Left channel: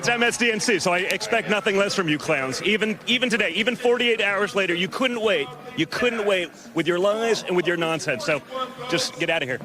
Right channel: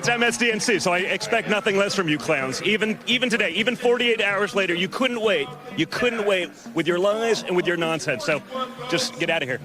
It's MSDNC, so I expect nothing less from you clowns. Even today, even 48 hours later, you couldn't wait. You couldn't wait with your lies and with your nonsense. So just get out of here.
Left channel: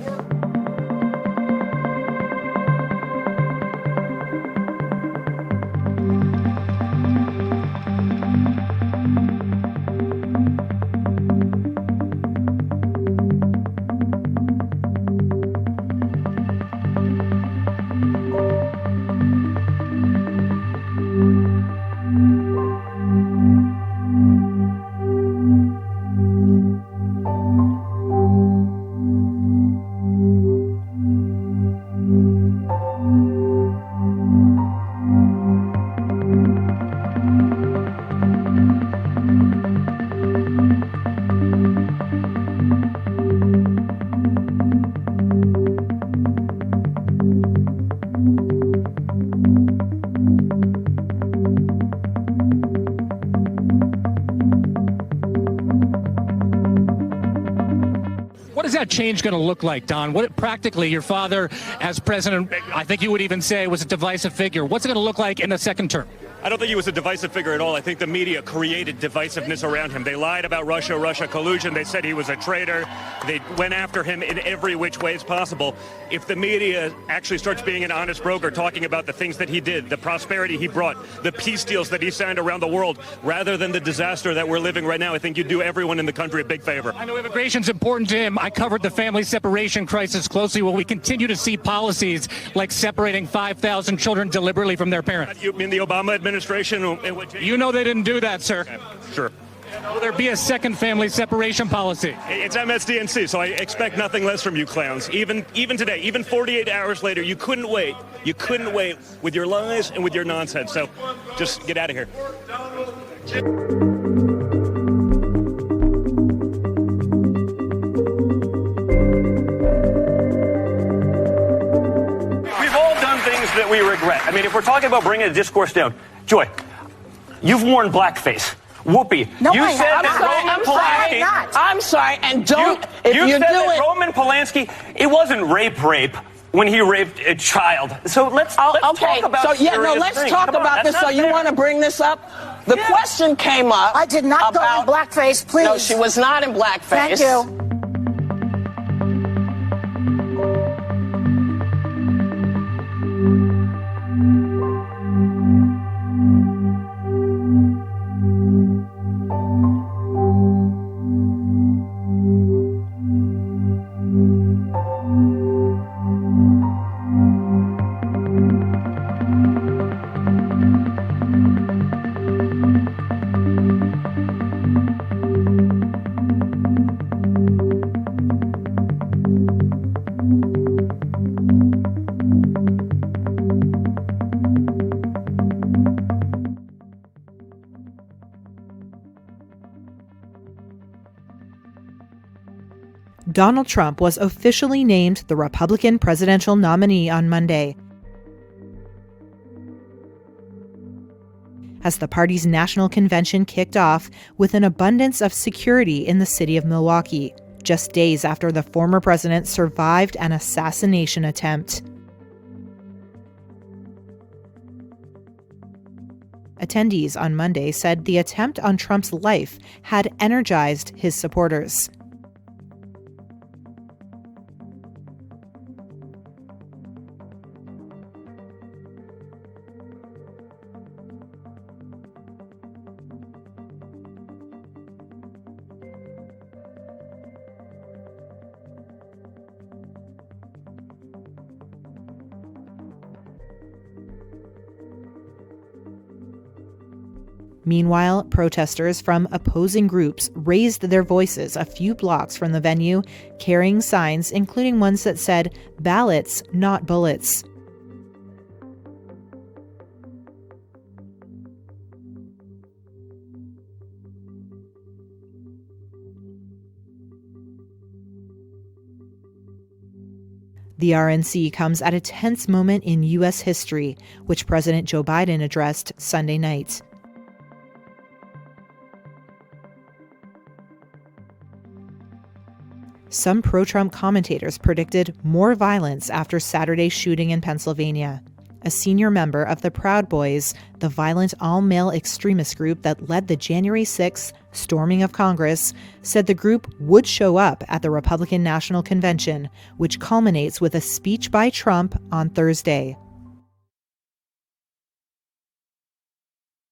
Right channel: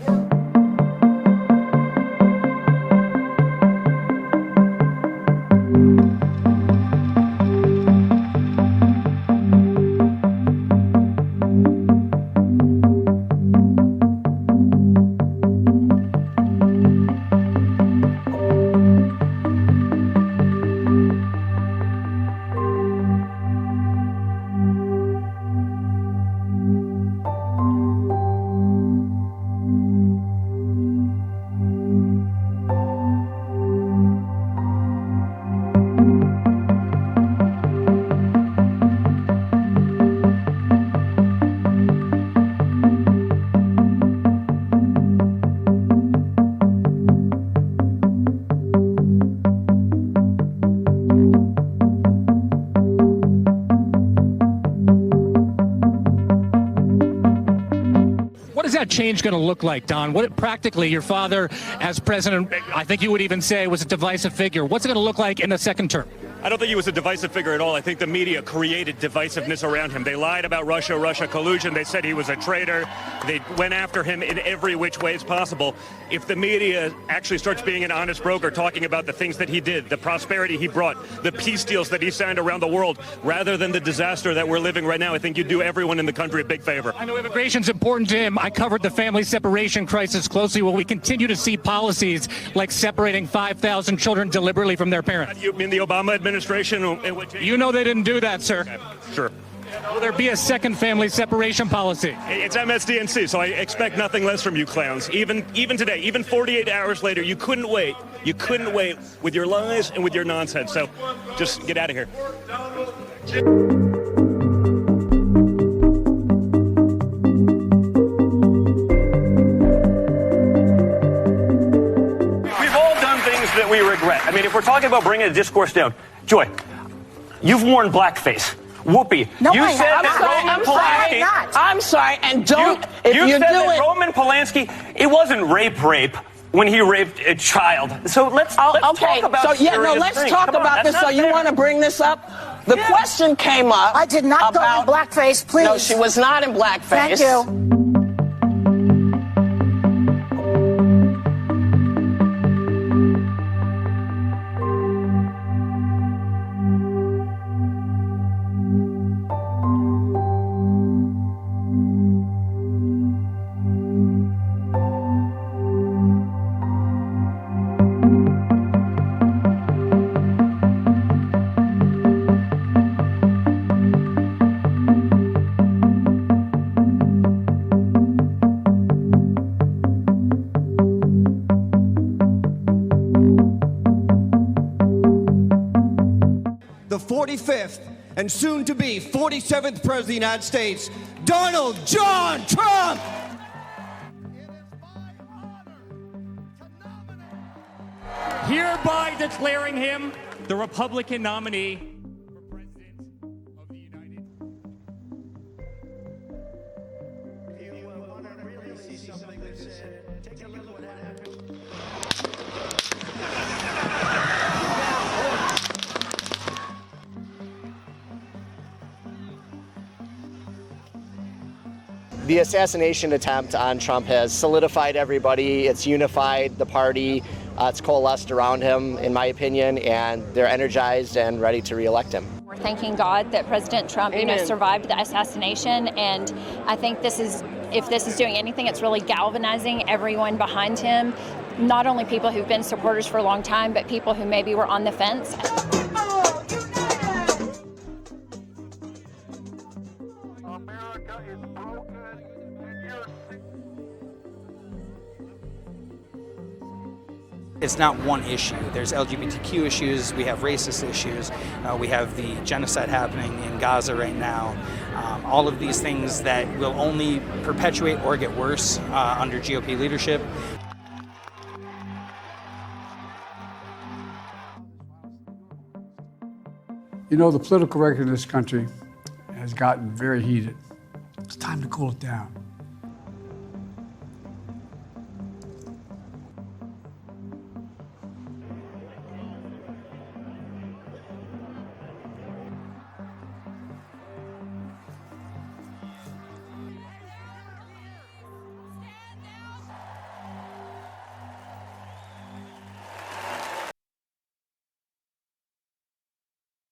What is that change going to look like, Don? What practically, your father as president, I think you would even say, was a divisive figure. What's it going to look like in the second term? I don't think he was a divisive figure at all. I think the media created divisiveness around him. They lied about Russia collusion. They said he was a traitor. They went after him in every which way as possible. If the media actually starts being an honest broker, talking about the things that he did, the prosperity he brought, the peace deals that he signed around the world, rather than the disaster that we're living right now, I think you'd do everyone in the country a big favor. I know immigration's important to him. I covered the family separation crisis closely. Will we continue to see policies like separating 5,000 children deliberately from their parents? You mean the Obama administration? You know they didn't do that, sir. Okay, sure. Will there be a second family separation policy? It's MSDNC, so I expect nothing less from you clowns. Even today, even 48 hours later, you couldn't wait. You couldn't wait with your lies and with your nonsense. So just get out of here. We've all done things that we regret. I mean, if we're talking about bringing the discourse down, Joy, you've worn blackface. Whoopi, no, you said that Roman Polanski. I'm sorry, and don't. You said that Roman Polanski. It wasn't rape when he raped a child. So let's talk about. So let's talk about this. So you want to bring this up? The question came up. I did not go in blackface, please. No, she was not in blackface. Thank you. The 45th and soon-to-be 47th President of the United States, Donald John Trump! Donald Trump was officially named the Republican presidential nominee on Monday. Hereby declaring him the Republican nominee. As the party's national convention kicked off with an abundance of security in the city of Milwaukee, just days after the former president survived an assassination attempt. Attendees on Monday said the attempt on Trump's life had energized his supporters. The assassination attempt on Trump has solidified everybody. It's unified the party. It's coalesced around him, in my opinion, and they're energized and ready to reelect him. We're thanking God that President Trump, survived the assassination, and I think if this is doing anything, it's really galvanizing everyone behind him. Not only people who've been supporters for a long time, but people who maybe were on the fence. Meanwhile, protesters from opposing groups raised their voices a few blocks from the venue, carrying signs, including ones that said, "Ballots, not bullets." It's not one issue. There's LGBTQ issues, we have racist issues, we have the genocide happening in Gaza right now. All of these things that will only perpetuate or get worse under GOP leadership. The RNC comes at a tense moment in U.S. history, which President Joe Biden addressed Sunday night. You know, the political record in this country has gotten very heated. It's time to cool it down. Some pro-Trump commentators predicted more violence after Saturday's shooting in Pennsylvania. a senior member of the Proud Boys, the violent all-male extremist group that led the January 6th storming of Congress, said the group would show up at the Republican National Convention, which culminates with a speech by Trump on Thursday.